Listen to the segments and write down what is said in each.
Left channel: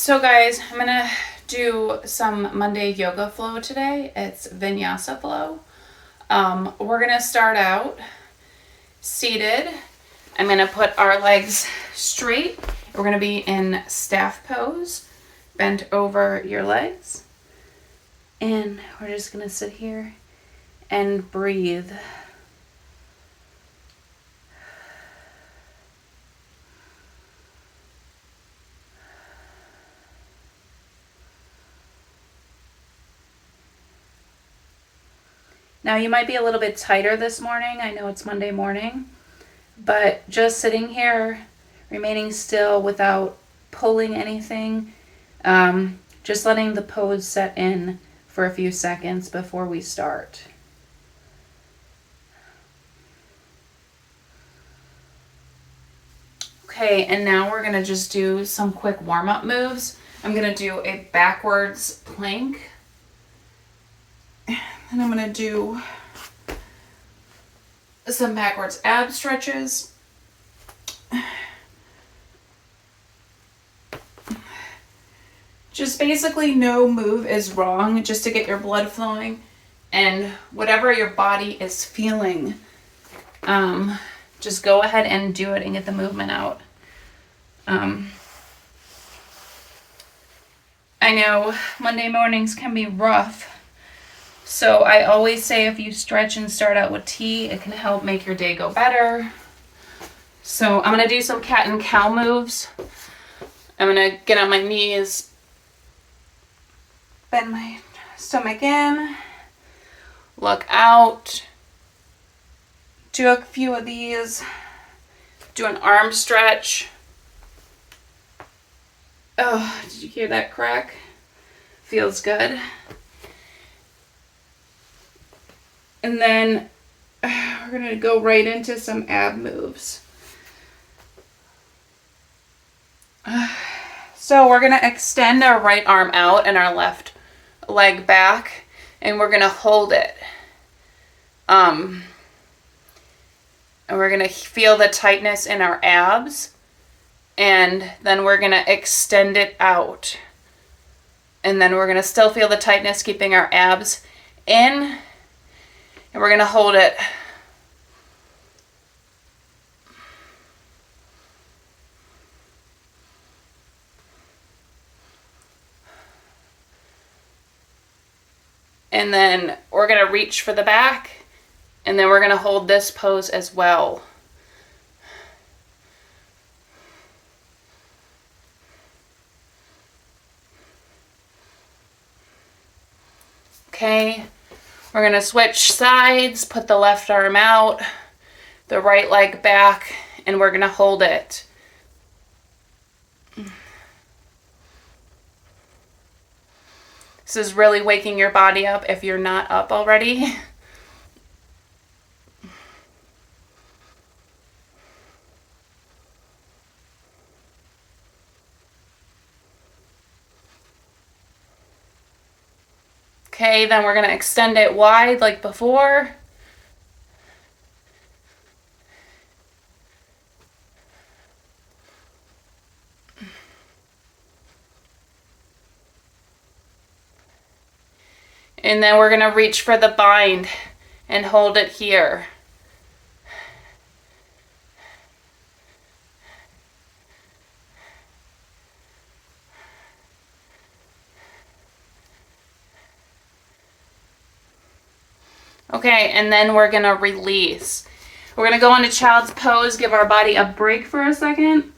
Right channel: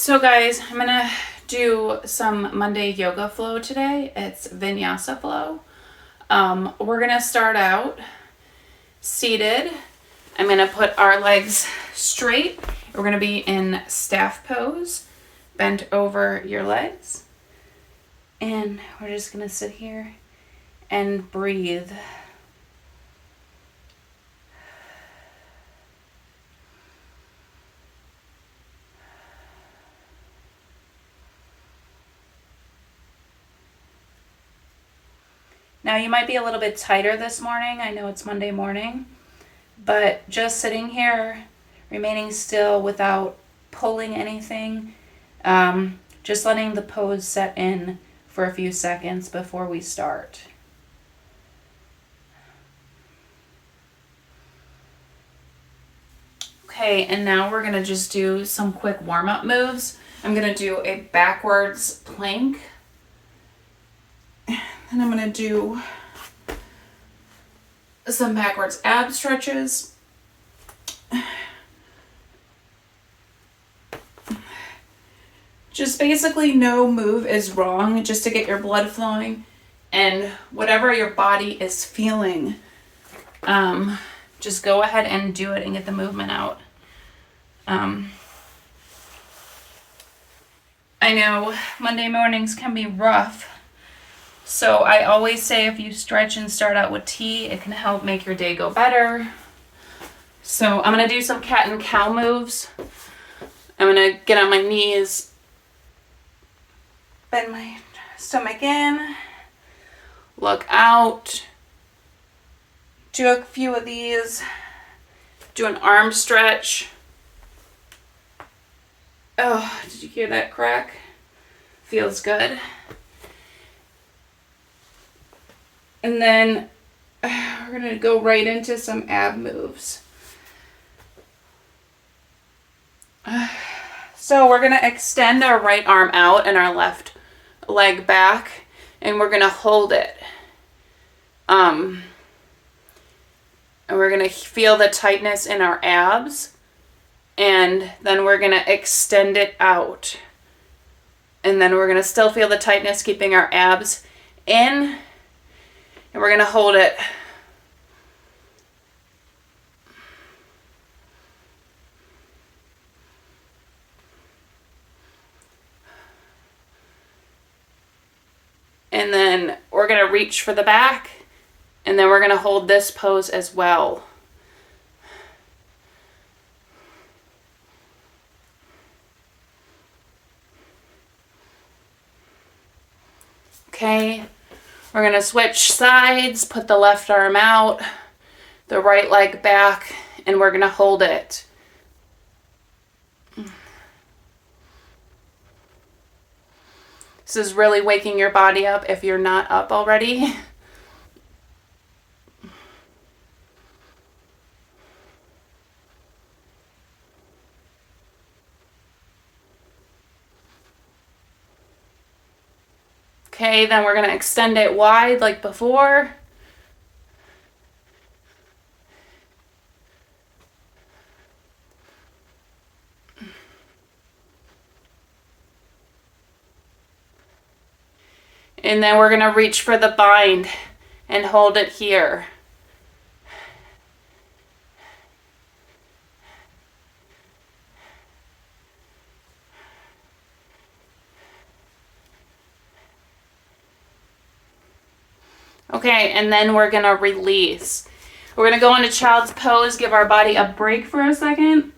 So guys, I'm gonna do some Monday yoga flow today. It's vinyasa flow. We're gonna start out seated. I'm gonna put our legs straight. We're gonna be in staff pose, bent over your legs. And we're just gonna sit here and breathe. Now you might be a little bit tighter this morning. I know it's Monday morning, but just sitting here, remaining still without pulling anything, just letting the pose set in for a few seconds before we start. Okay, and now we're gonna just do some quick warm-up moves. I'm gonna do a backwards plank. And I'm gonna do some backwards ab stretches. Just basically no move is wrong, just to get your blood flowing and whatever your body is feeling. Just go ahead and do it and get the movement out. I know Monday mornings can be rough. So I always say if you stretch and start out with tea, it can help make your day go better. So I'm going to do some cat and cow moves. I'm going to get on my knees, bend my stomach in, look out, do a few of these, do an arm stretch. Oh, did you hear that crack? Feels good. And then we're going to go right into some ab moves. So we're going to extend our right arm out and our left leg back, and we're going to hold it. And we're going to feel the tightness in our abs, and then we're going to extend it out. And then we're going to still feel the tightness, keeping our abs in. And we're going to hold it. And then we're going to reach for the back. And then we're going to hold this pose as well. Okay. We're going to switch sides, put the left arm out, the right leg back, and we're going to hold it. This is really waking your body up if you're not up already. Okay, then we're going to extend it wide like before. And then we're going to reach for the bind and hold it here. Okay, and then we're going to release. We're going to go into child's pose, give our body a break for a second.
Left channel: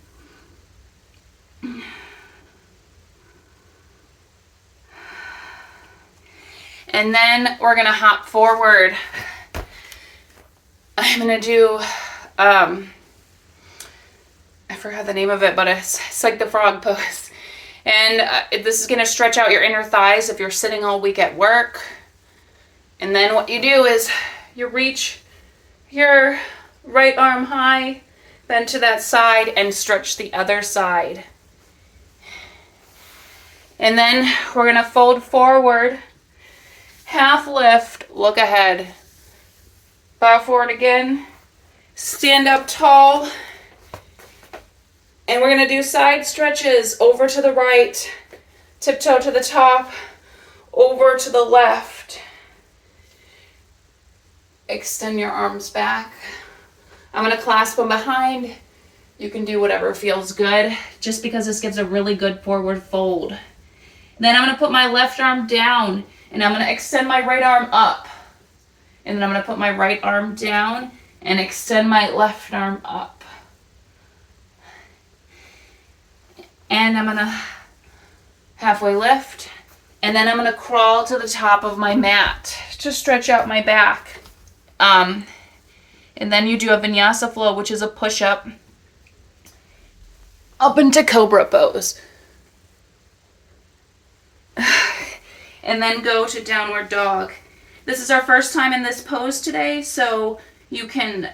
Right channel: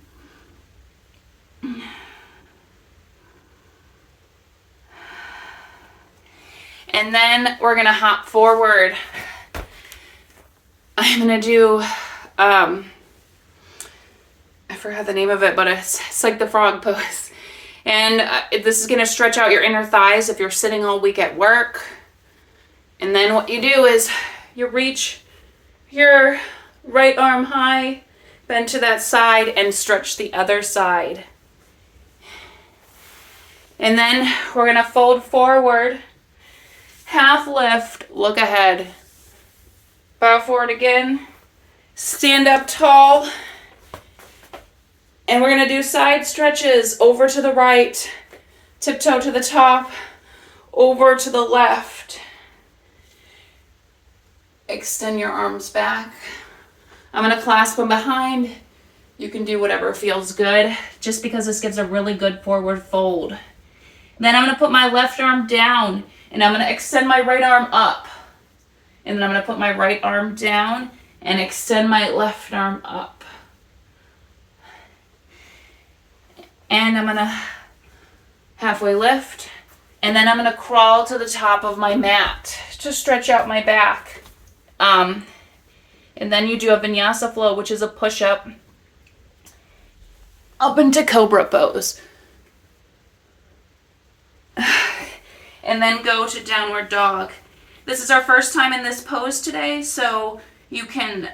And then we're going to hop forward. I'm going to do, I forgot the name of it, but it's like the frog pose. And this is going to stretch out your inner thighs if you're sitting all week at work. And then what you do is you reach your right arm high, bend to that side, and stretch the other side. And then we're going to fold forward, half lift, look ahead, bow forward again, stand up tall, And we're gonna do side stretches, over to the right, tiptoe to the top, over to the left. Extend your arms back. I'm gonna clasp them behind. You can do whatever feels good, just because this gives a really good forward fold. Then I'm gonna put my left arm down, and I'm gonna extend my right arm up. And then I'm gonna put my right arm down and extend my left arm up. And I'm gonna halfway lift, and then I'm gonna crawl to the top of my mat to stretch out my back. And then you do a vinyasa flow, which is a push-up up into cobra pose. And then go to downward dog. This is our first time in this pose today, so you can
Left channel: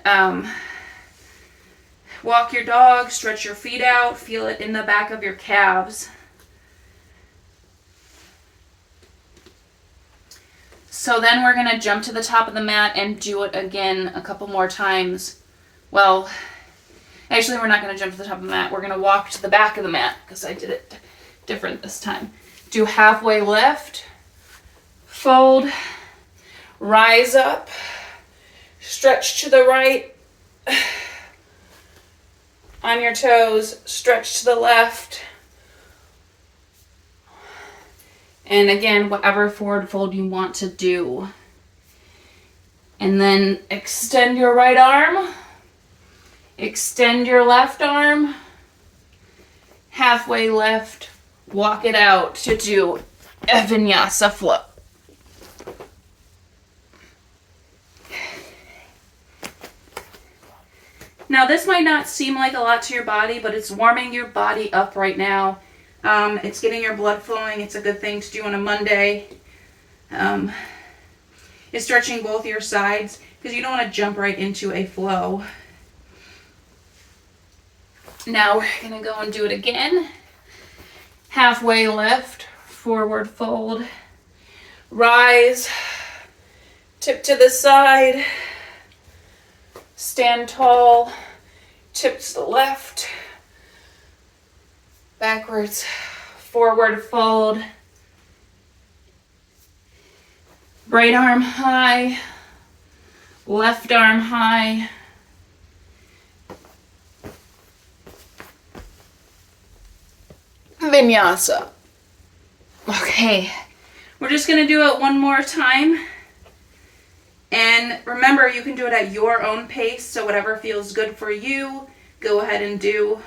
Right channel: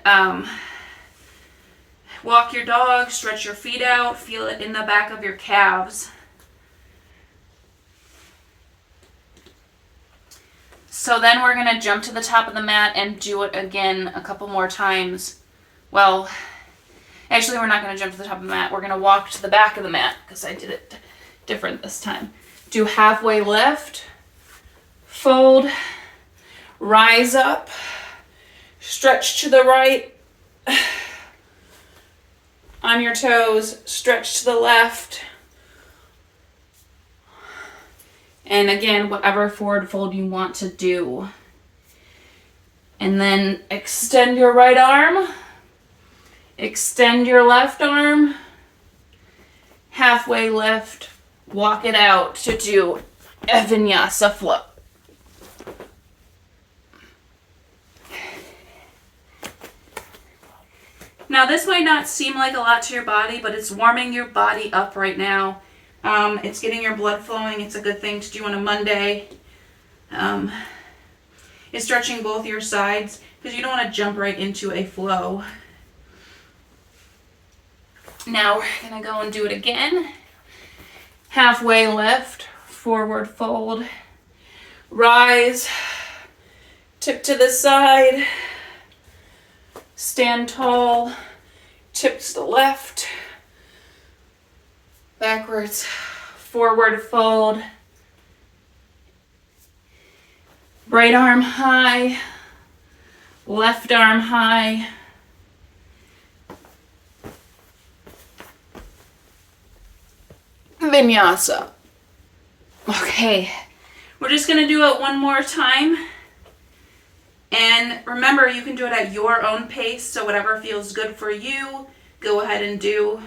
walk your dog, stretch your feet out, feel it in the back of your calves. So then we're gonna jump to the top of the mat and do it again a couple more times. Well, actually we're not gonna jump to the top of the mat. We're gonna walk to the back of the mat because I did it different this time. Do halfway lift, fold, rise up, stretch to the right, on your toes, stretch to the left, and again, whatever forward fold you want to do. And then extend your right arm, extend your left arm, halfway lift, walk it out to do a vinyasa flow. Now this might not seem like a lot to your body, but it's warming your body up right now. It's getting your blood flowing. It's a good thing to do on a Monday. It's stretching both your sides because you don't want to jump right into a flow. Now we're gonna go and do it again. Halfway lift, forward fold, rise, tip to the side, stand tall, tip to the left, backwards, forward fold, right arm high, left arm high, vinyasa. Okay, we're just gonna do it one more time. And remember, you can do it at your own pace, so whatever feels good for you, go ahead and do.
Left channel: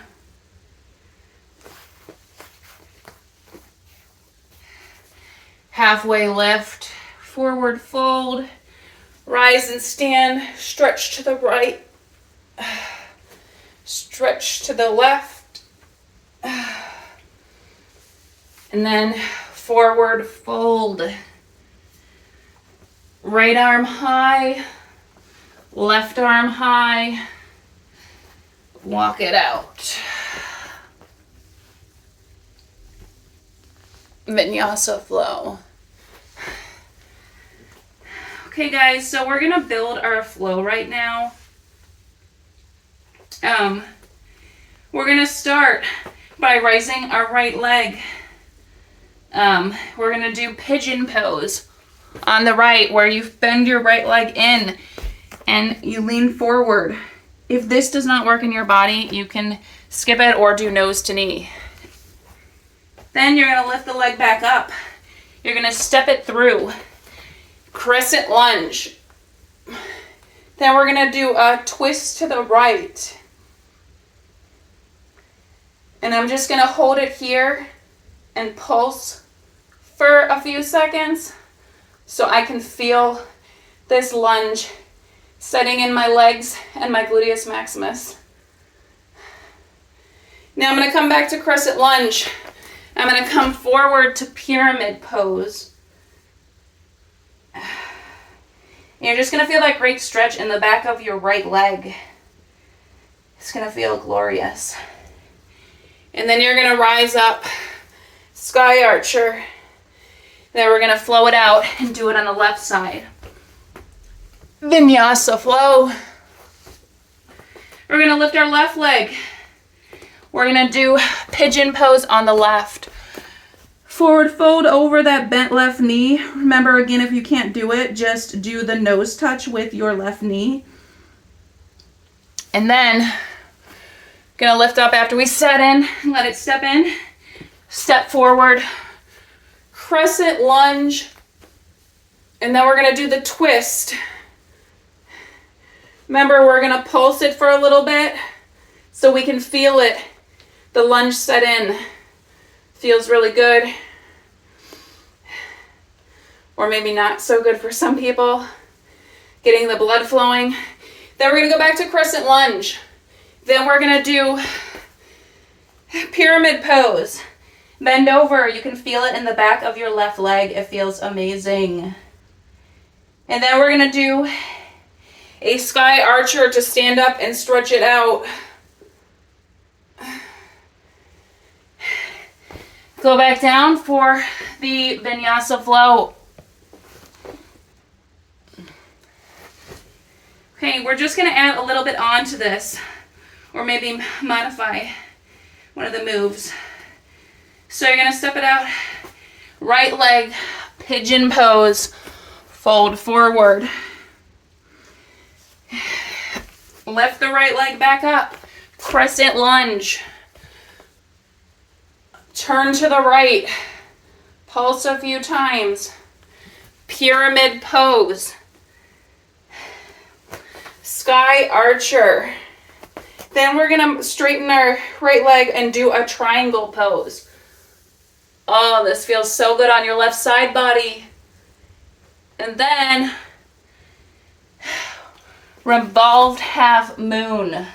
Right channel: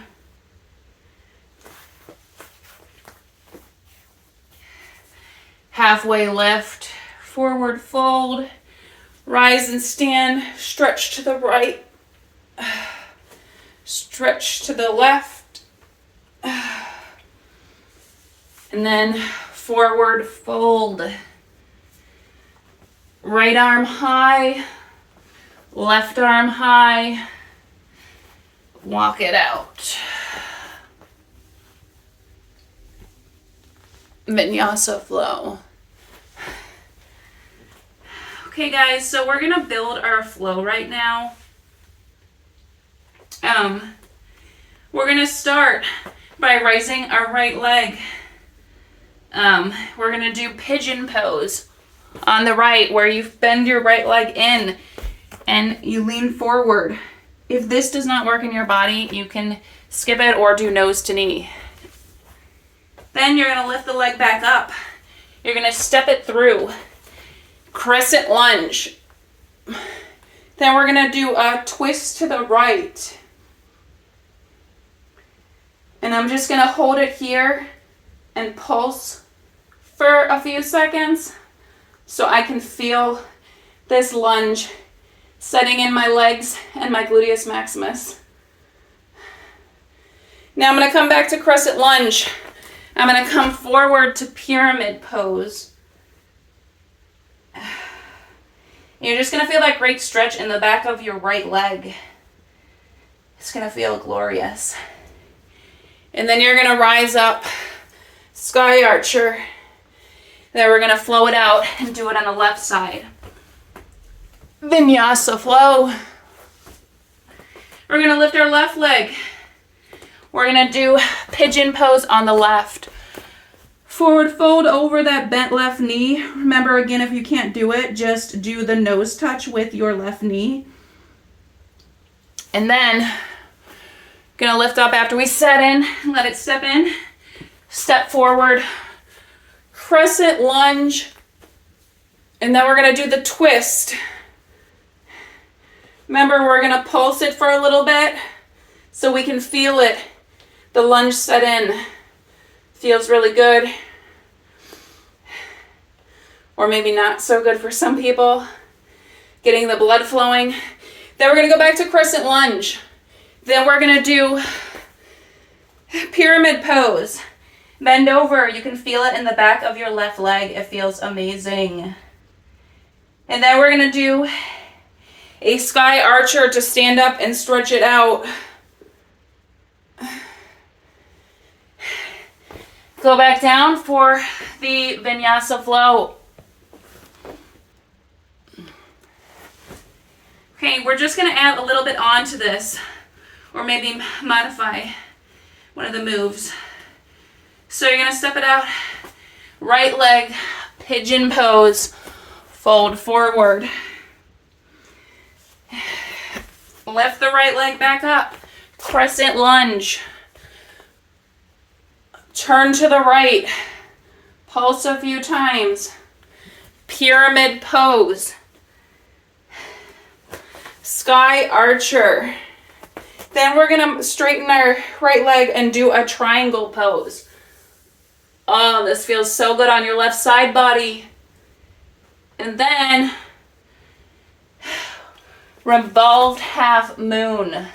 Halfway lift, forward fold, rise and stand, stretch to the right, stretch to the left, and then forward fold. Right arm high, left arm high, walk it out. Vinyasa flow. Okay guys, so we're gonna build our flow right now. We're gonna start by raising our right leg. We're gonna do pigeon pose on the right, where you bend your right leg in and you lean forward. If this does not work in your body, you can skip it or do nose to knee. Then you're gonna lift the leg back up. You're gonna step it through. Crescent lunge. Then we're gonna do a twist to the right. And I'm just gonna hold it here and pulse for a few seconds so I can feel this lunge setting in my legs and my gluteus maximus. Now I'm gonna come back to crescent lunge. I'm gonna come forward to pyramid pose. You're just gonna feel that great stretch in the back of your right leg. It's gonna feel glorious. And then you're gonna rise up, sky archer. Then we're gonna flow it out and do it on the left side. Vinyasa flow. We're gonna lift our left leg, We're gonna do pigeon pose on the left. Forward fold over that bent left knee. Remember, again, if you can't do it, just do the nose touch with your left knee. And then, gonna lift up after we set in, let it step in. Step forward, crescent lunge, and then we're gonna do the twist. Remember, we're gonna pulse it for a little bit so we can feel it. The lunge set in. Feels really good. Or maybe not so good for some people. Getting the blood flowing. Then we're gonna go back to crescent lunge. Then we're gonna do pyramid pose. Bend over, you can feel it in the back of your left leg. It feels amazing. And then we're gonna do a sky archer to stand up and stretch it out. Go back down for the vinyasa flow. Okay, we're just gonna add a little bit on to this, or maybe modify one of the moves. So you're gonna step it out, right leg, pigeon pose, fold forward. Lift the right leg back up, crescent lunge. Turn to the right, pulse a few times, pyramid pose, sky archer. Then we're gonna straighten our right leg and do a triangle pose. Oh, this feels so good on your left side body. And then revolved half moon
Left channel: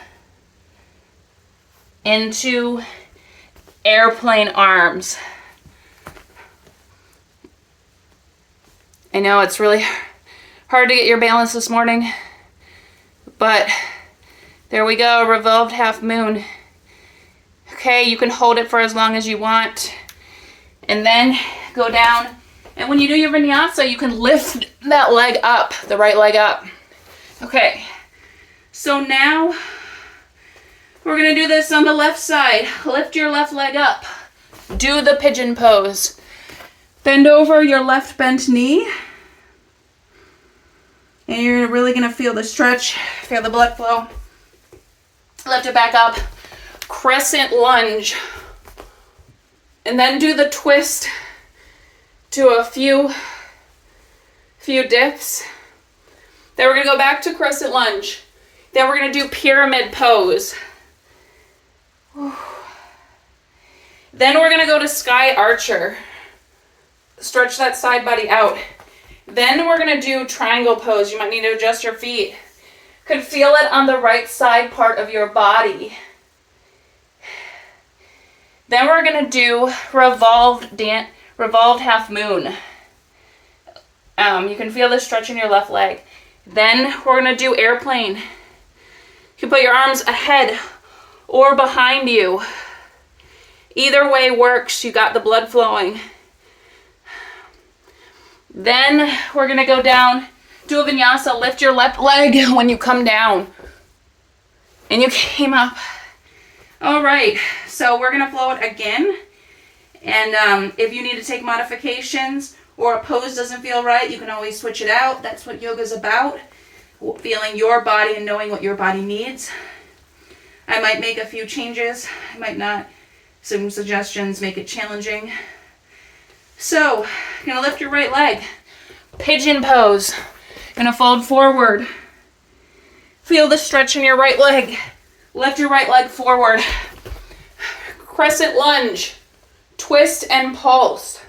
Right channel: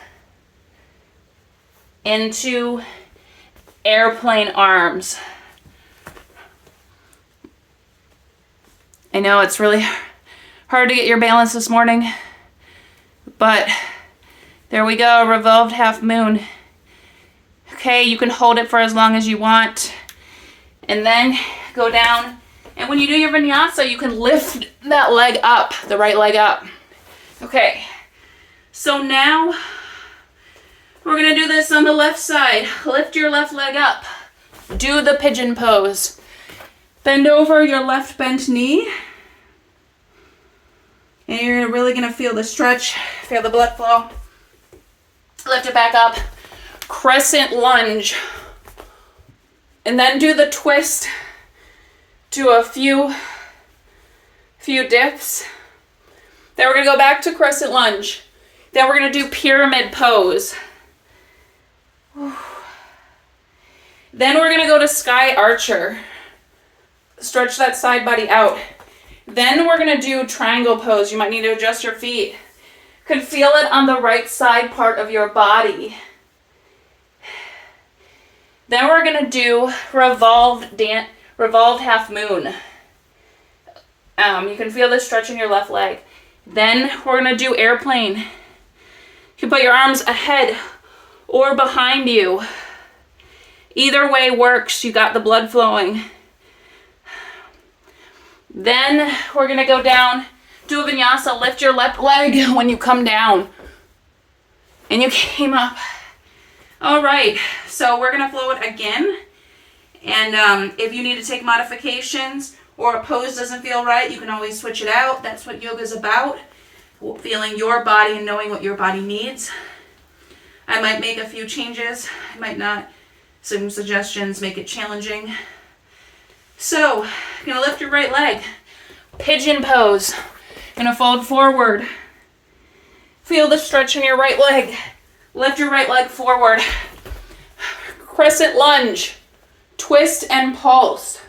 into airplane arms. I know it's really hard to get your balance this morning, but there we go, revolved half moon. Okay, you can hold it for as long as you want. And then go down. And when you do your vinyasa, you can lift that leg up, the right leg up. Okay, so now we're gonna do this on the left side. Lift your left leg up. Do the pigeon pose. Bend over your left bent knee. And you're really gonna feel the stretch, feel the blood flow. Lift it back up. Crescent lunge. And then do the twist. Do a few dips. Then we're gonna go back to crescent lunge. Then we're gonna do pyramid pose. Then we're gonna go to sky archer. Stretch that side body out. Then we're gonna do triangle pose. You might need to adjust your feet. You can feel it on the right side part of your body. Then we're gonna do revolved half moon. You can feel the stretch in your left leg. Then we're gonna do airplane. You can put your arms ahead or behind you. Either way works. You got the blood flowing. Then we're gonna go down, do a vinyasa, lift your left leg when you come down. And you came up. All right, so we're gonna flow it again. And if you need to take modifications or a pose doesn't feel right, you can always switch it out. That's what yoga's about. Feeling your body and knowing what your body needs. I might make a few changes. I might not. Some suggestions make it challenging. So, you're gonna lift your right leg. Pigeon pose. Gonna fold forward. Feel the stretch in your right leg. Lift your right leg forward. Crescent lunge. Twist and pulse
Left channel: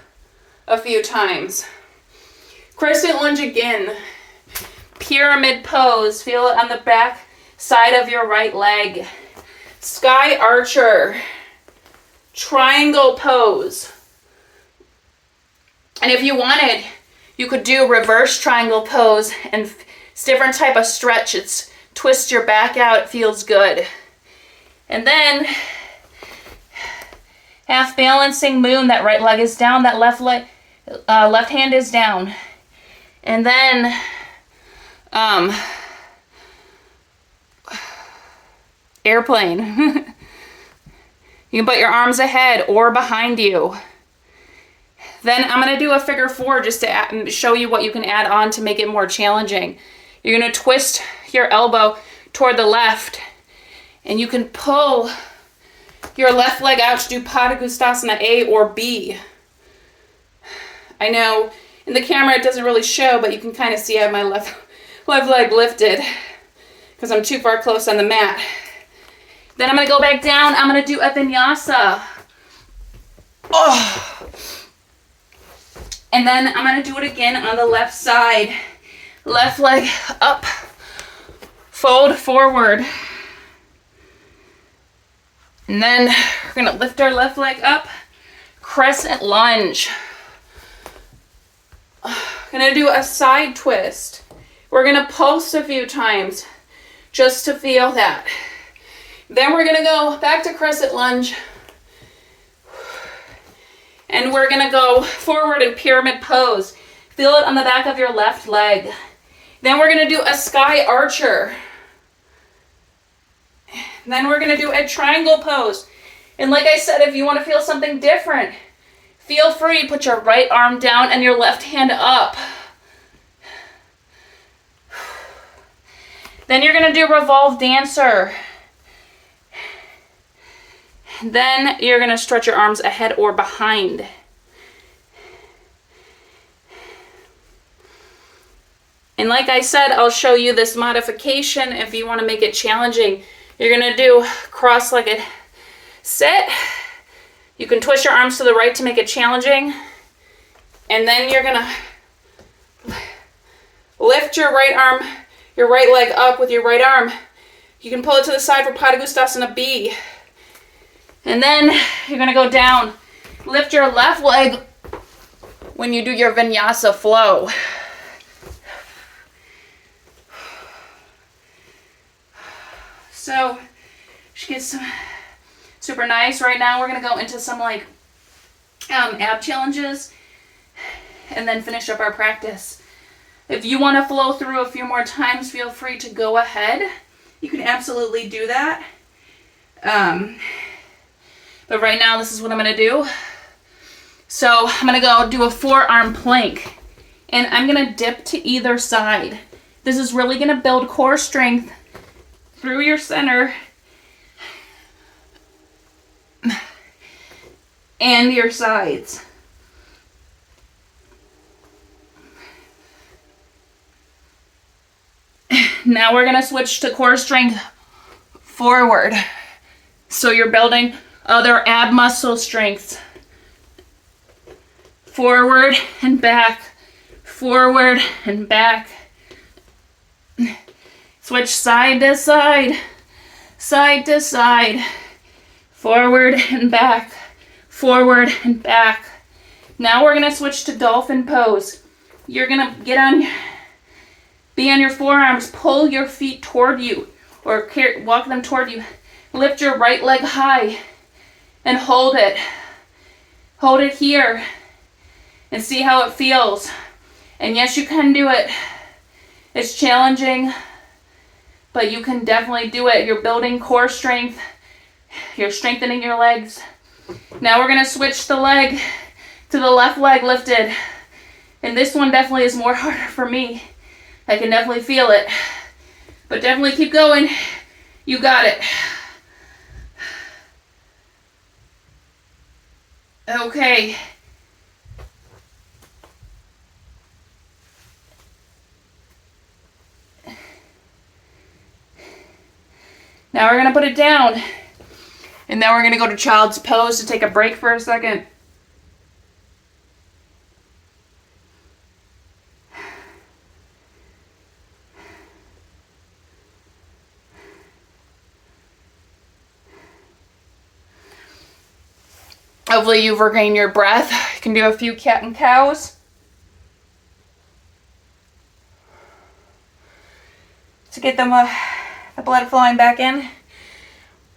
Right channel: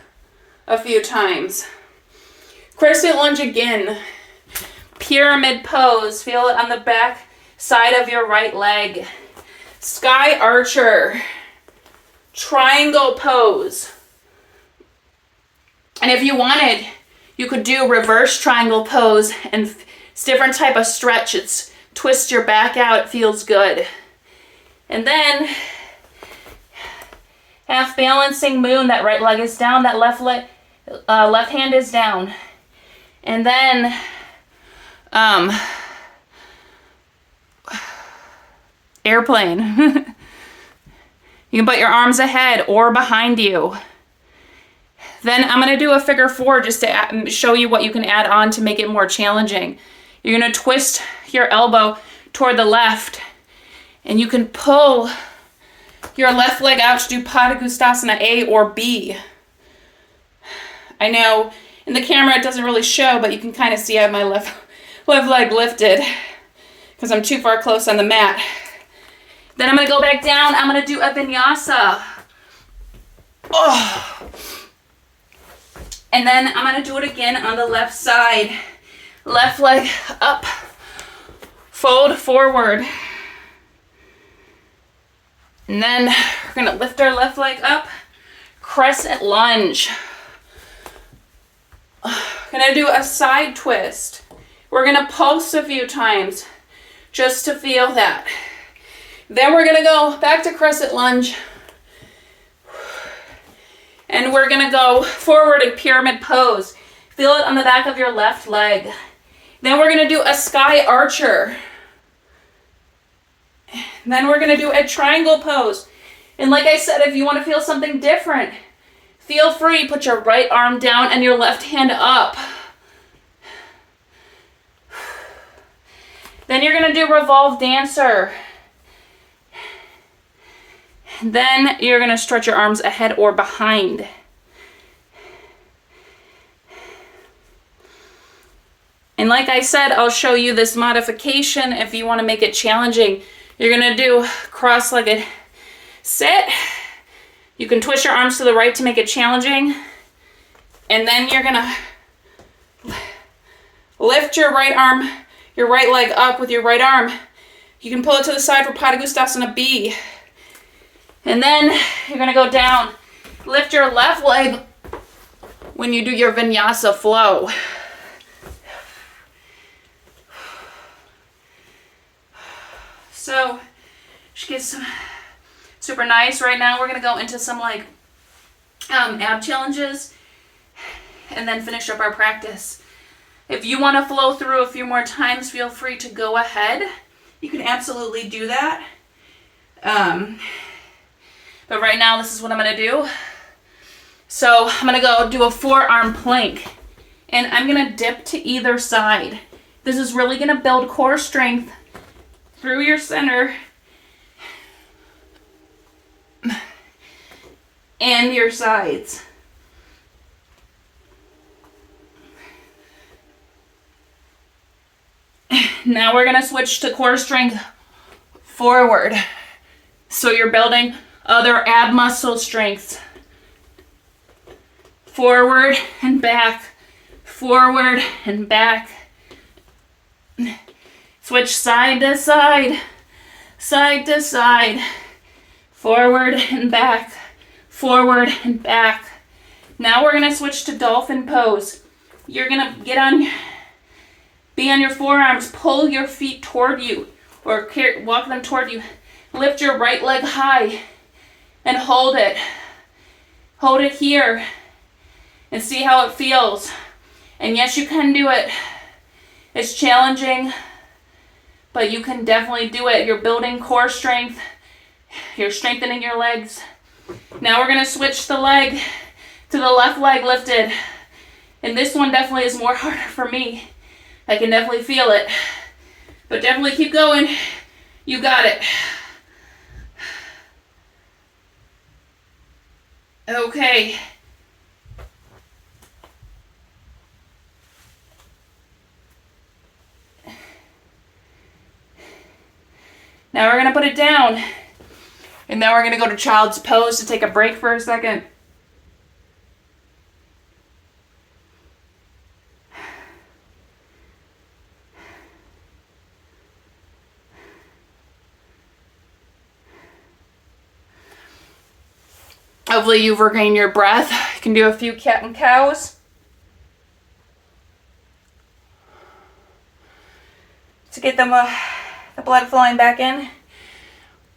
a few times. Crescent lunge again. Pyramid pose. Feel it on the back side of your right leg. Sky archer. Triangle pose. And if you wanted, you could do reverse triangle pose, and it's different type of stretch. It's twist your back out. It feels good. And then half balancing moon. That right leg is down. That left hand is down. And then airplane. You can put your arms ahead or behind you. Then I'm going to do a figure 4 just to show you what you can add on to make it more challenging. You're going to twist your elbow toward the left, and you can pull your left leg out to do Padangusthasana A or B. I know in the camera it doesn't really show, but you can kind of see I have my left leg lifted because I'm too far close on the mat. Then I'm going to go back down. I'm going to do a vinyasa. Oh. And then I'm going to do it again on the left side. Left leg up. Fold forward. And then we're going to lift our left leg up. Crescent lunge. Going to do a side twist. We're going to pulse a few times just to feel that. Then we're going to go back to crescent lunge. And we're going to go forward in pyramid pose. Feel it on the back of your left leg. Then we're going to do a sky archer. Then we're going to do a triangle pose. And like I said, if you want to feel something different, feel free to put your right arm down and your left hand up. Then you're going to do revolve dancer. Then you're going to stretch your arms ahead or behind. And like I said, I'll show you this modification if you want to make it challenging. You're going to do cross-legged sit. You can twist your arms to the right to make it challenging. And then you're going to lift your right arm, your right leg up with your right arm. You can pull it to the side for Padangusthasana B. And then you're going to go down. Lift your left leg when you do your vinyasa flow. So, she gets some super nice. Right now we're going to go into some like ab challenges and then finish up our practice. If you want to flow through a few more times, feel free to go ahead. You can absolutely do that. But right now, this is what I'm going to do. So I'm going to go do a forearm plank. And I'm going to dip to either side. This is really going to build core strength through your center and your sides. Now we're going to switch to core strength forward. So you're building other ab muscle strengths. Forward and back. Forward and back. Switch side to side. Side to side. Forward and back. Forward and back. Now we're going to switch to dolphin pose. You're going to be on your forearms. Pull your feet toward you. Or walk them toward you. Lift your right leg high. And hold it. Hold it here. And see how it feels. And yes, you can do it. It's challenging. But you can definitely do it. You're building core strength. You're strengthening your legs. Now we're going to switch the leg to the left leg lifted. And this one definitely is more harder for me. I can definitely feel it. But definitely keep going. You got it. Okay. Now we're going to put it down. And then we're going to go to child's pose to take a break for a second. Hopefully you've regained your breath. You can do a few cat and cows. To get them the blood flowing back in.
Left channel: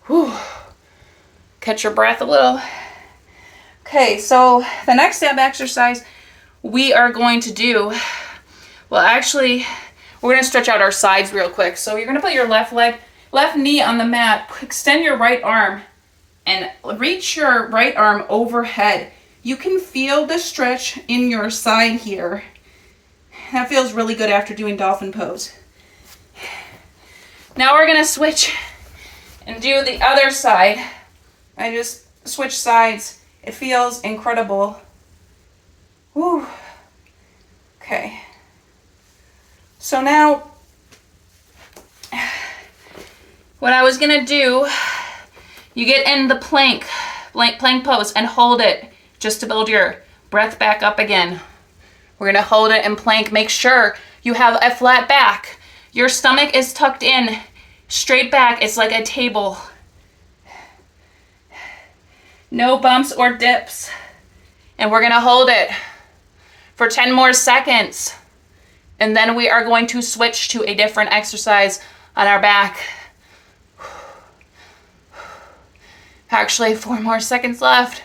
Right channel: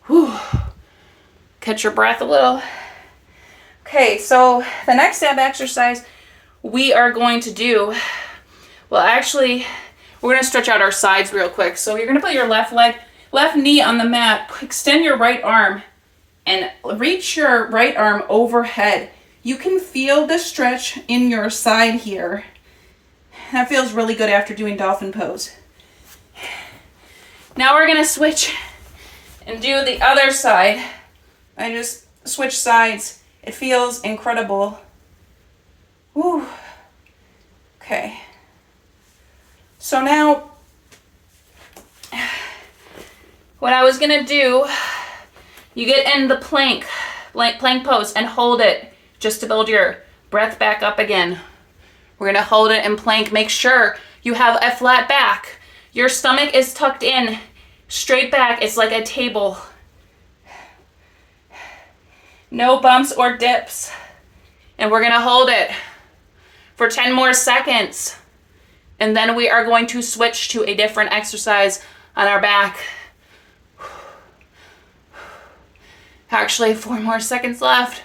Whew. Catch your breath a little. Okay, so the next ab exercise we are going to do, well actually, we're going to stretch out our sides real quick. So you're going to put your left knee on the mat. Extend your right arm and reach your right arm overhead. You can feel the stretch in your side here. That feels really good after doing dolphin pose. Now we're gonna switch and do the other side. I just switch sides. It feels incredible. Woo. Okay. So now, what I was gonna do, you get in the plank pose and hold it just to build your breath back up again. We're gonna hold it in plank. Make sure you have a flat back. Your stomach is tucked in, straight back. It's like a table. No bumps or dips. And we're gonna hold it for 10 more seconds. And then we are going to switch to a different exercise on our back. Actually, 4 more seconds left.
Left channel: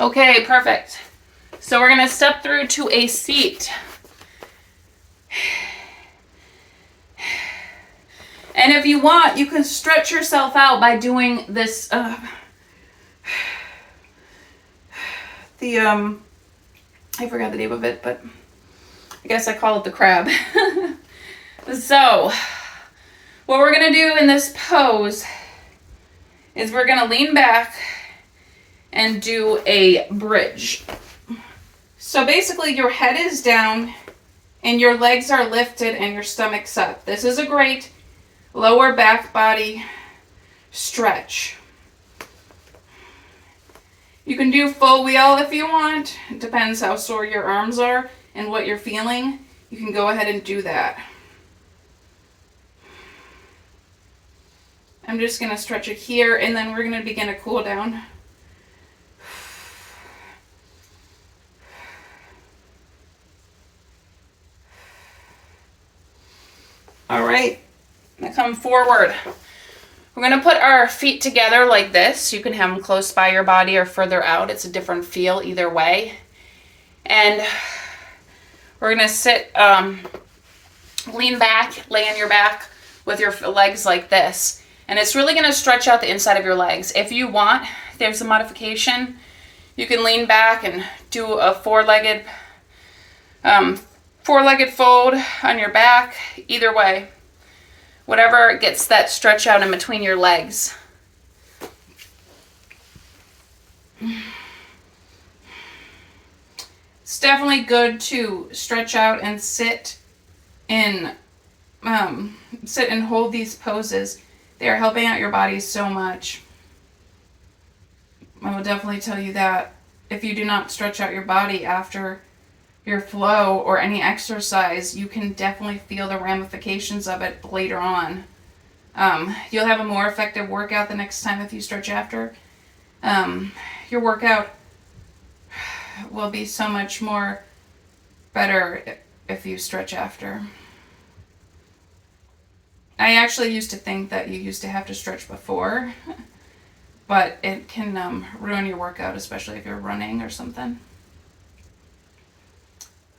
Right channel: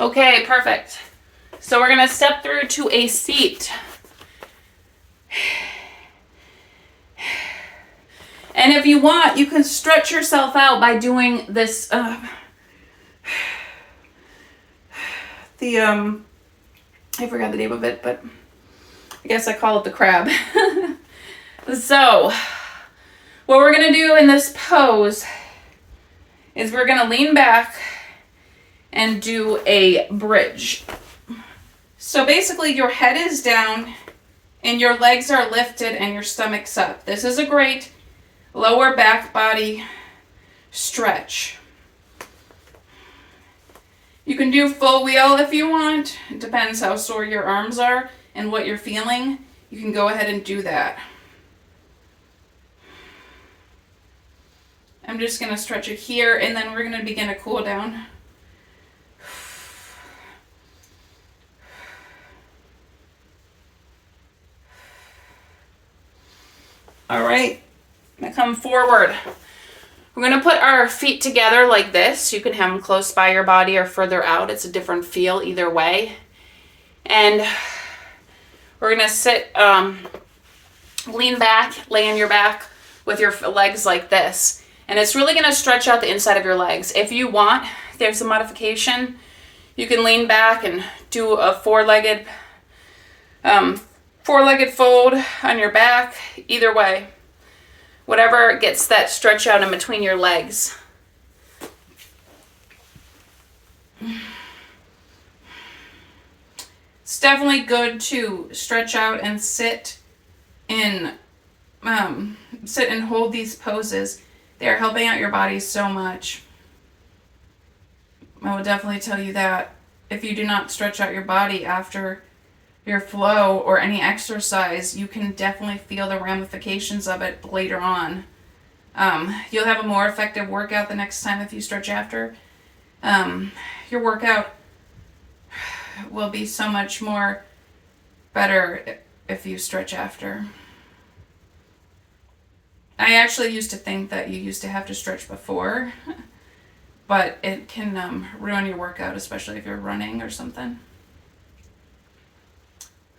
Okay, perfect. So we're gonna step through to a seat. And if you want, you can stretch yourself out by doing this, I forgot the name of it, but I guess I call it the crab. So, what we're gonna do in this pose is we're gonna lean back and do a bridge. So basically your head is down and your legs are lifted and your stomach's up. This is a great lower back body stretch. You can do full wheel if you want. It depends how sore your arms are and what you're feeling. You can go ahead and do that. I'm just gonna stretch it here and then we're gonna begin a cool down. All right, now come forward. We're gonna put our feet together like this. You can have them close by your body or further out. It's a different feel either way. And we're gonna sit, lean back, lay on your back with your legs like this. And it's really gonna stretch out the inside of your legs. If you want, there's a modification. You can lean back and do a four-legged fold on your back. Either way, whatever gets that stretch out in between your legs. It's definitely good to stretch out and sit and hold these poses. They are helping out your body so much. I will definitely tell you that if you do not stretch out your body after your flow or any exercise, you can definitely feel the ramifications of it later on. You'll have a more effective workout the next time if you stretch after. Your workout will be so much more better if you stretch after. I actually used to think that you used to have to stretch before, but it can ruin your workout, especially if you're running or something.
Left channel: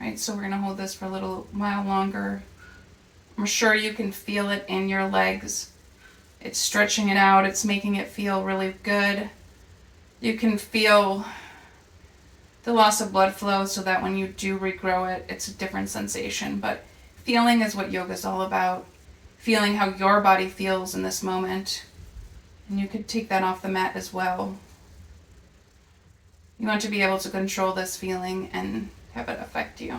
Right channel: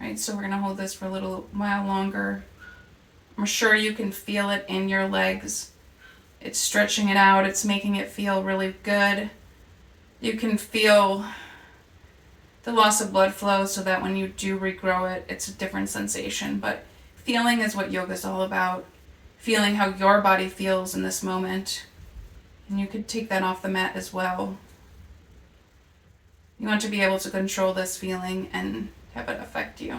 Right, so we're gonna hold this for a little while longer. I'm sure you can feel it in your legs. It's stretching it out, it's making it feel really good. You can feel the loss of blood flow so that when you do regrow it, it's a different sensation. But feeling is what yoga is all about. Feeling how your body feels in this moment. And you could take that off the mat as well. You want to be able to control this feeling and have it affect you.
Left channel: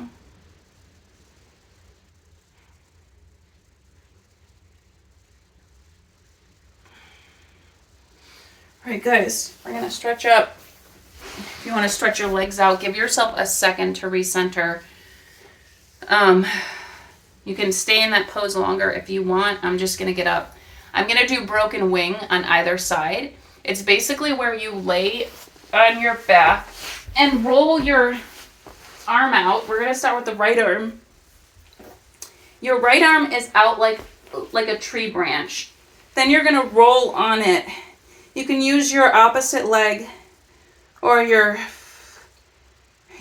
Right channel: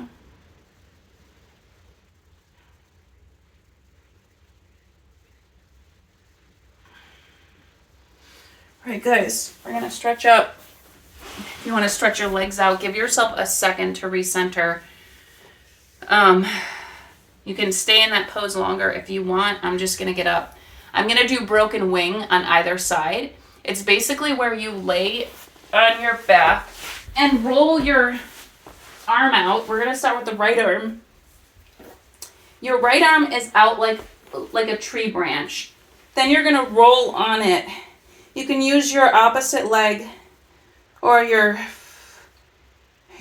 All right, guys, we're gonna stretch up. If you want to stretch your legs out, give yourself a second to recenter. You can stay in that pose longer if you want. I'm just gonna get up. I'm gonna do broken wing on either side. It's basically where you lay on your back and roll your arm out. We're gonna start with the right arm. Your right arm is out like a tree branch. Then you're gonna roll on it. You can use your opposite leg or your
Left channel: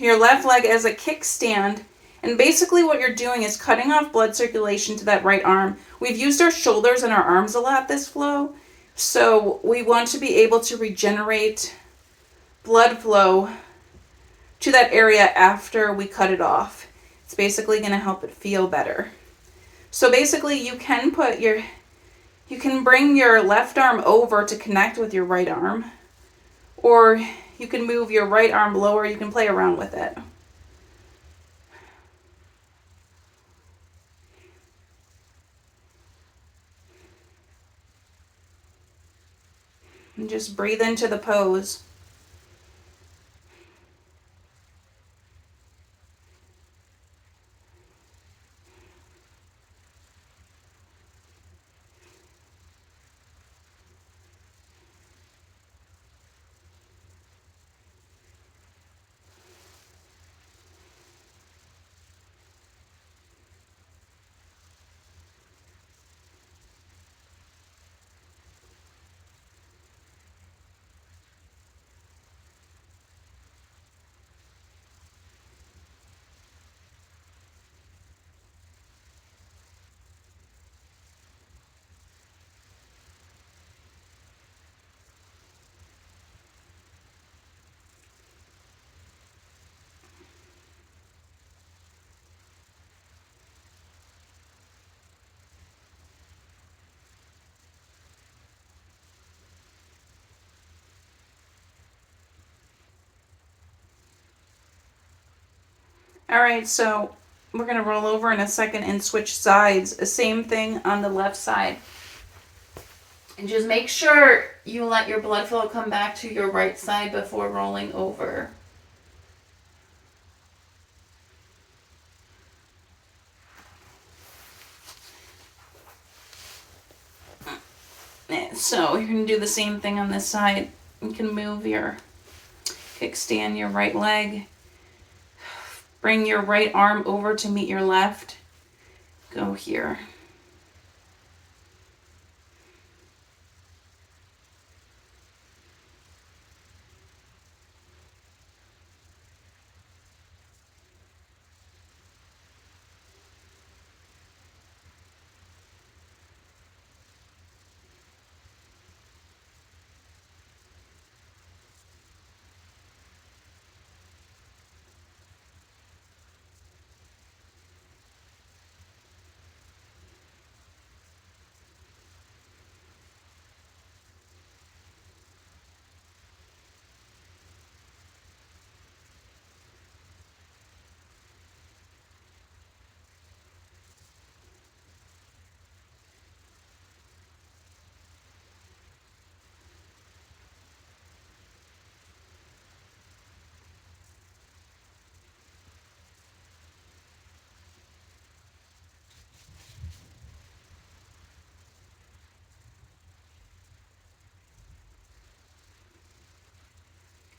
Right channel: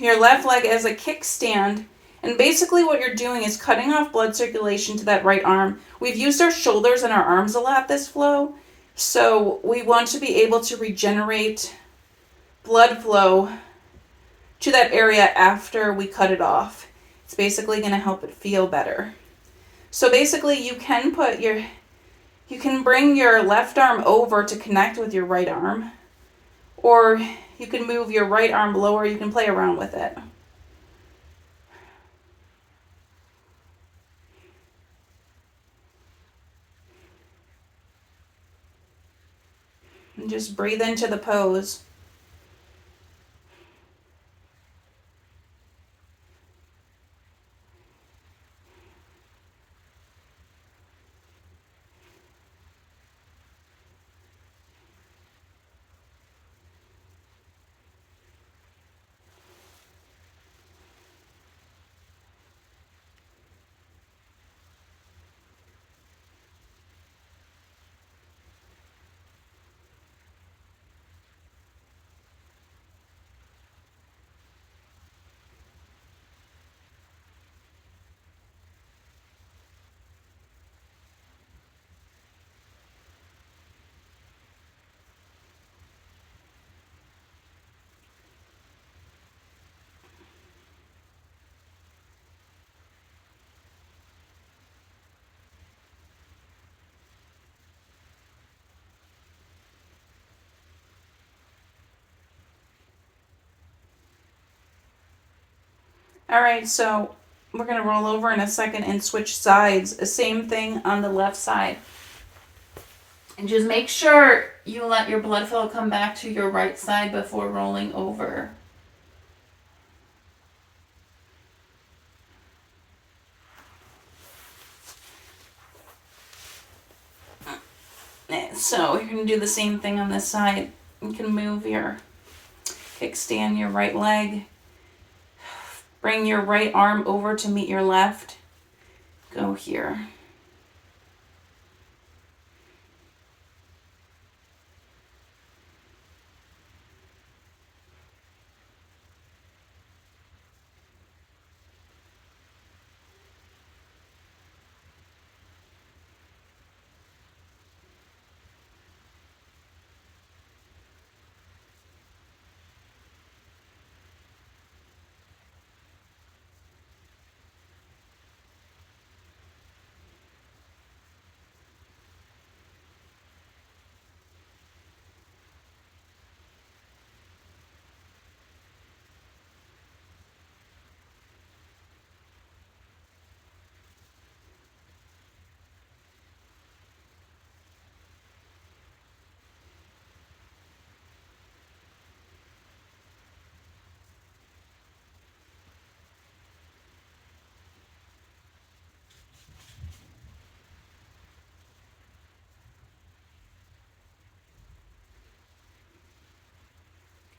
left leg as a kickstand, And basically what you're doing is cutting off blood circulation to that right arm. We've used our shoulders and our arms a lot this flow, so we want to be able to regenerate blood flow to that area after we cut it off. It's basically going to help it feel better. So basically you can bring your left arm over to connect with your right arm, or you can move your right arm lower. You can play around with it. And just breathe into the pose. All right, so we're going to roll over in a second and switch sides. The same thing on the left side. And just make sure you let your blood flow come back to your right side before rolling over. So you're going to do the same thing on this side. You can move your kickstand, your right leg. Bring your right arm over to meet your left. Go here.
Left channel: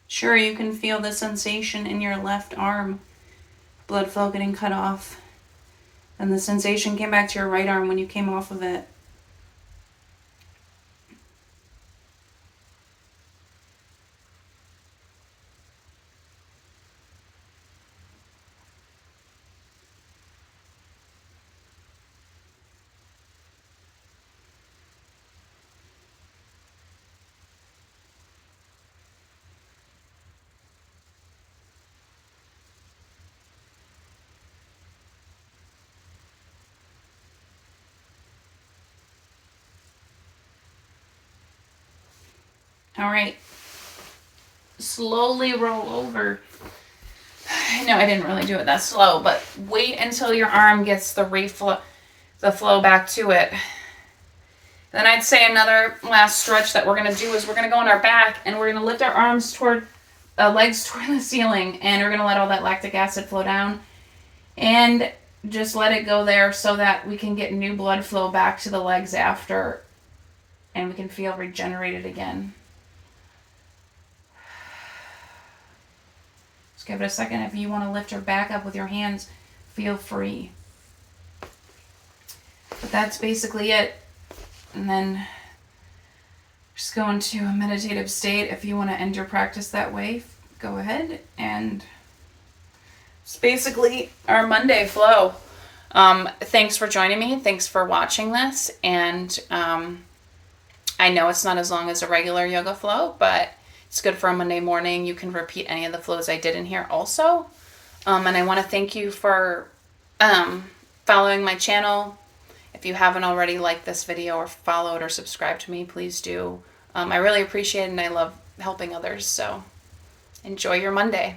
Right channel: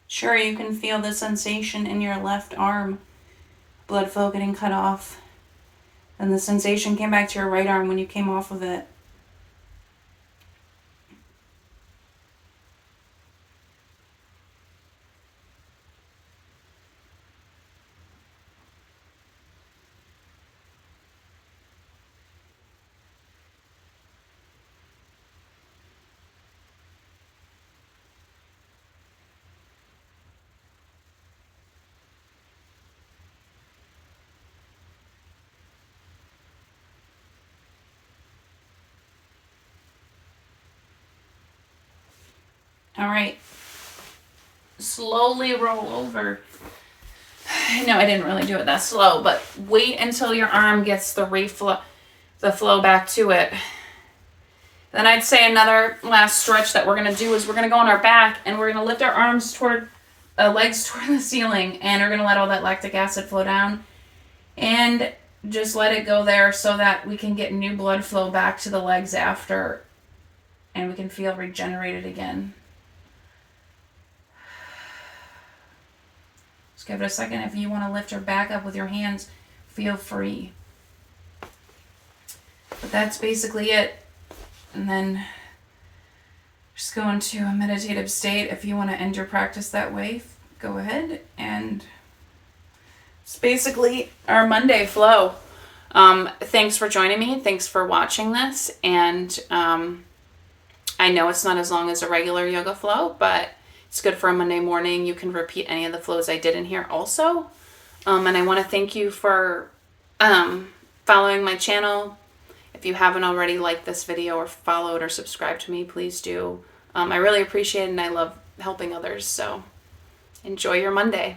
Sure, you can feel the sensation in your left arm, blood flow getting cut off. And the sensation came back to your right arm when you came off of it. All right. Slowly roll over. No, I didn't really do it that slow, but wait until your arm gets the flow back to it. Then I'd say another last stretch that we're going to do is we're going to go on our back and we're going to lift our arms legs toward the ceiling, and we're going to let all that lactic acid flow down and just let it go there so that we can get new blood flow back to the legs after, and we can feel regenerated again. Just give it a second. If you want to lift your back up with your hands, feel free. But that's basically it. And then just go into a meditative state. If you want to end your practice that way, go ahead. And it's basically our Monday flow. Thanks for joining me. Thanks for watching this. And I know it's not as long as a regular yoga flow, but it's good for a Monday morning. You can repeat any of the flows I did in here also. And I want to thank you for following my channel. If you haven't already liked this video or followed or subscribed to me, please do. I really appreciate it, and I love helping others. So enjoy your Monday.